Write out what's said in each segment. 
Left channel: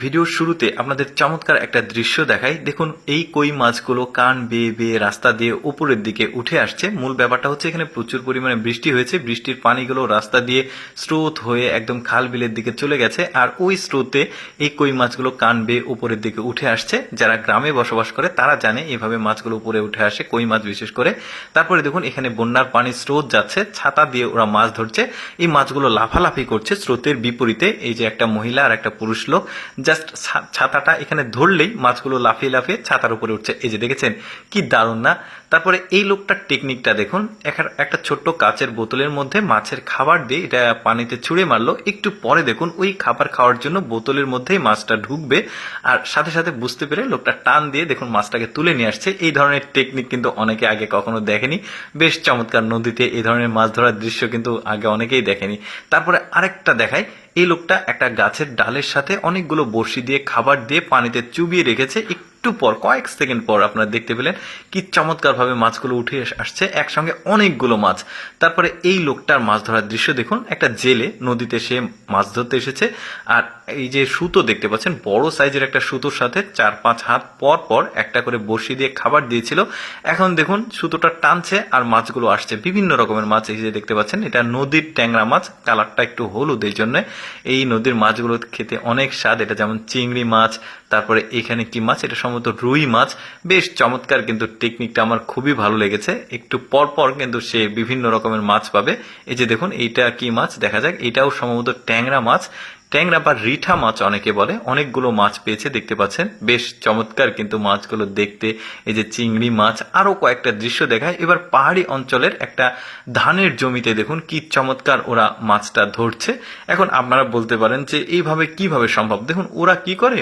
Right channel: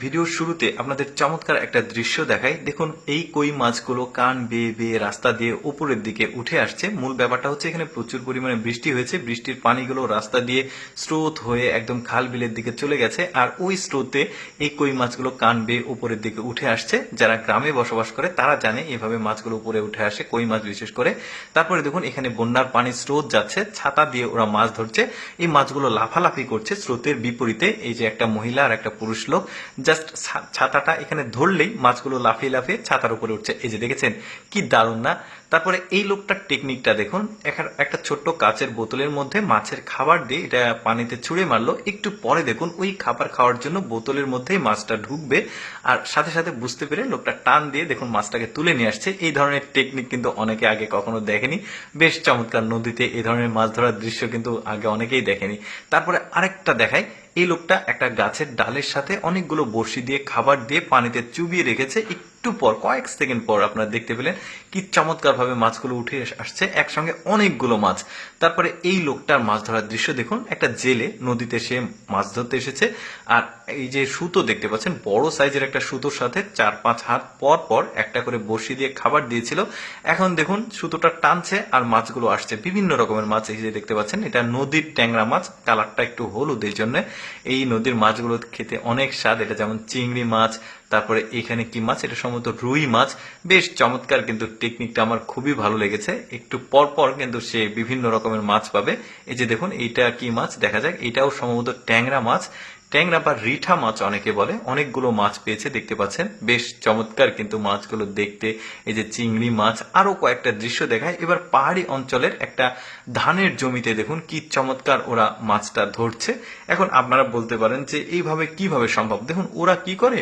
ভিডিওর শুরুতে আপনাদের চমৎকার একটা দৃশ্য দেখাই। দেখুন এই কই মাছগুলো কান বেয়ে বেয়ে রাস্তা দিয়ে উপরের দিকে উঠে আসছে। মূল ব্যাপারটা হচ্ছে এখানে প্রচুর পরিমাণে বৃষ্টি হয়েছে, বৃষ্টির পানিগুলো রাস্তা দিয়ে স্রোত হয়ে একদম খাল বিলের দিকে চলে গেছে, আর ওই স্রোতে এই কই মাছগুলো কান বেয়ে উপরের দিকে উঠে আসছে। যারা গ্রামে বসবাস করে তারা জানে এইভাবে মাছগুলো উপরে উঠে আসে, কই মাছ বিশেষ করে। তারপরে দেখুন এখানে বন্যার পানির স্রোত যাচ্ছে, ছাতা দিয়ে ওরা মাছ ধরছে। এই মাছগুলো লাফালাফি করছে স্রোতের বিপরীতে। এই যে একটা মহিলা আর একটা পুরুষ লোক জাস্ট ছাতাটা এখানে ধরলেই মাছগুলো লাফিয়ে লাফিয়ে ছাতার উপরে উঠছে। এই যে দেখেছেন কি দারুণ না? তারপরে এই লোকটার টেকনিকটা দেখুন, একটা ছোট্ট কাচের বোতলের মধ্যে মাছের খাবার দিয়ে এটা পানিতে ছুঁড়ে মারলো। একটু পরে দেখুন ওই খাবার খাওয়ার জন্য বোতলের মধ্যেই মাছটা ঢুকবে, আর সাথে সাথে বুঝতে পেরে লোকটা টান দিয়ে দেখুন মাছটাকে তুলে নিয়ে আসছে। এই ধরনের টেকনিক কিন্তু অনেকে আগে কখনো দেখেনি। বেশ চমৎকার। নদীতে এই ধরনের মাছ ধরার দৃশ্য কিন্তু আগে অনেকেই দেখেনি। তারপরে আরেকটা দেখাই, এই লোকটা একটা গাছের ডালের সাথে অনেকগুলো বড়শি দিয়ে খাবার দিয়ে পানিতে চুবিয়ে রেখেছে। একটু পর, কয়েক সেকেন্ড পর আপনারা দেখতে পেলেন কি চমৎকারভাবে মাছগুলো উঠে আসছে, একসঙ্গে অনেকগুলো মাছ। তারপরে এই লোকটার মাছ ধরার দৃশ্য দেখুন, একটা জেলে নদীতে সে মাছ ধরতে এসেছে, আর এই যে সুতো দেখতে পাচ্ছেন, বড় সাইজের একটা সুতোর সাথে 4-5 হাত পর পর একটা করে বড়শি দিয়ে খাবার দিয়েছিল। এখন দেখুন সুতোটা টানছে আর মাছগুলো আসছে, বিভিন্ন রকমের মাছ। এই যে দেখতে পাচ্ছেন এটা নদীর ট্যাংরা মাছ, কালারটা একটু হলুদ। এই জন্য এই নদীর মাছগুলো খেতে অনেক স্বাদ। এটা যেমন চিংড়ি মাছ, তারপরে এখানে কি মাছ, এটা সম্ভবত রুই মাছ। বেশ চমৎকার, কিন্তু টেকনিকটা আমার খুবই ভালো লেগেছে। একটু পর পর কিন্তু সে বিভিন্ন রকমের মাছ পাবে। এই যে দেখুন এইটা কি মাছ দেখা যাক, এটাও সম্ভবত ট্যাংরা মাছ, ট্যাংরা বা রিঠা মাছ অনেকে বলে। অনেকগুলো মাছ পেয়েছে দেখতে পাচ্ছেন, বেশ চমৎকার কিন্তু মাছগুলো দেখতে। এই যে চিংড়ি মাছ। আরো কয়েকটা দৃশ্য দেখায়। এবার পাহাড়ি অঞ্চলের একটা ধানের জমিতে দেখুন কি চমৎকার ওরা মাছটা ধরছে। এখন আপনারা বলতে পারেন যে এইভাবে কিভাবে সম্ভব। দেখুন ওরা কি করে,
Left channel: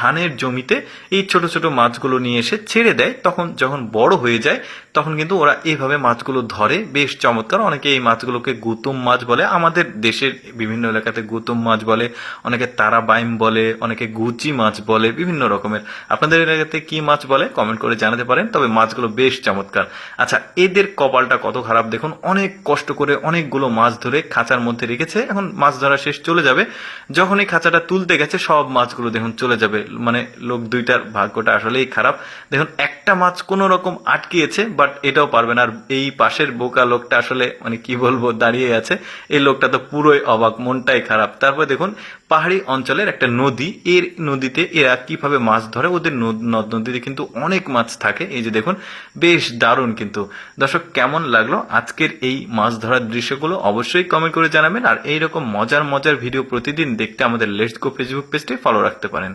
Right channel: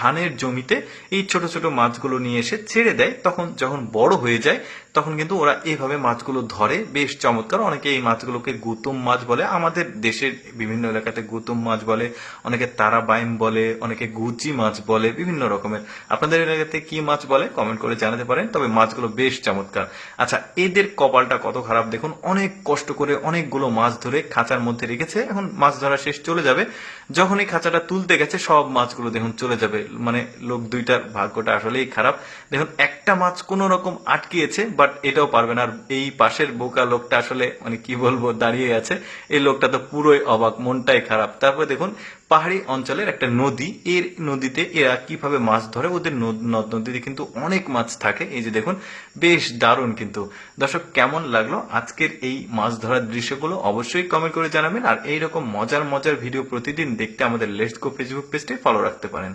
ধানের জমিতে এই ছোট ছোট মাছগুলো নিয়ে এসে ছেড়ে দেয়, তখন যখন বড় হয়ে যায় তখন কিন্তু ওরা এইভাবে মাছগুলো ধরে। বেশ চমৎকার। অনেকে এই মাছগুলোকে গুতুম মাছ বলে, আমাদের দেশের বিভিন্ন এলাকাতে গুতুম মাছ বলে, অনেকে তারাবাইম বলে, অনেকে গুচি মাছ বলে, বিভিন্ন রকমের। আপনাদের এলাকাতে কি মাছ বলে কমেন্ট করে জানাতে পারেন। তবে মাছগুলো বেশ চমৎকার। আচ্ছা, এদের কপালটা কত খারাপ দেখুন, অনেক কষ্ট করে অনেকগুলো মাছ ধরে খাঁচার মধ্যে রেখেছে। এখন মাছ ধরা শেষ, চলে যাবে। যখন এই খাঁচাটা তুলতে গেছে সব মাছগুলো দেখুন চলে যাবে। মানে লোক দুইটার ভাগ্যটা আসলেই খারাপ। দেখুন একটা মাছ কোন রকম আটকিয়েছে, বাট এটাও পারবে না। আর এই পাশের বোকা লোকটা আসলে মানে কি বলবো, দাঁড়িয়ে আছে। এই লোকটা তো পুরোই অবাক, মনটাই খারাপ। তারপরে দেখুন পাহাড়ি অঞ্চলের একটা নদী, এর নদীতে এরা কিভাবে মাছ ধরে। ওদের নদ নদীতে কিন্তু অনেক মাছ থাকে। এই যে দেখুন, বেশ দারুণ। কিন্তু দর্শক কেমন লাগলো আজকের এই মাছ ধরার দৃশ্যগুলো অবশ্যই কমেন্ট করে জানাবেন। আর এইরকম মজার মজার ভিডিও প্রতিদিন দেখতে আমাদের লেটস গো ফেসবুক পেজটি ফলো রাখতে পারেন।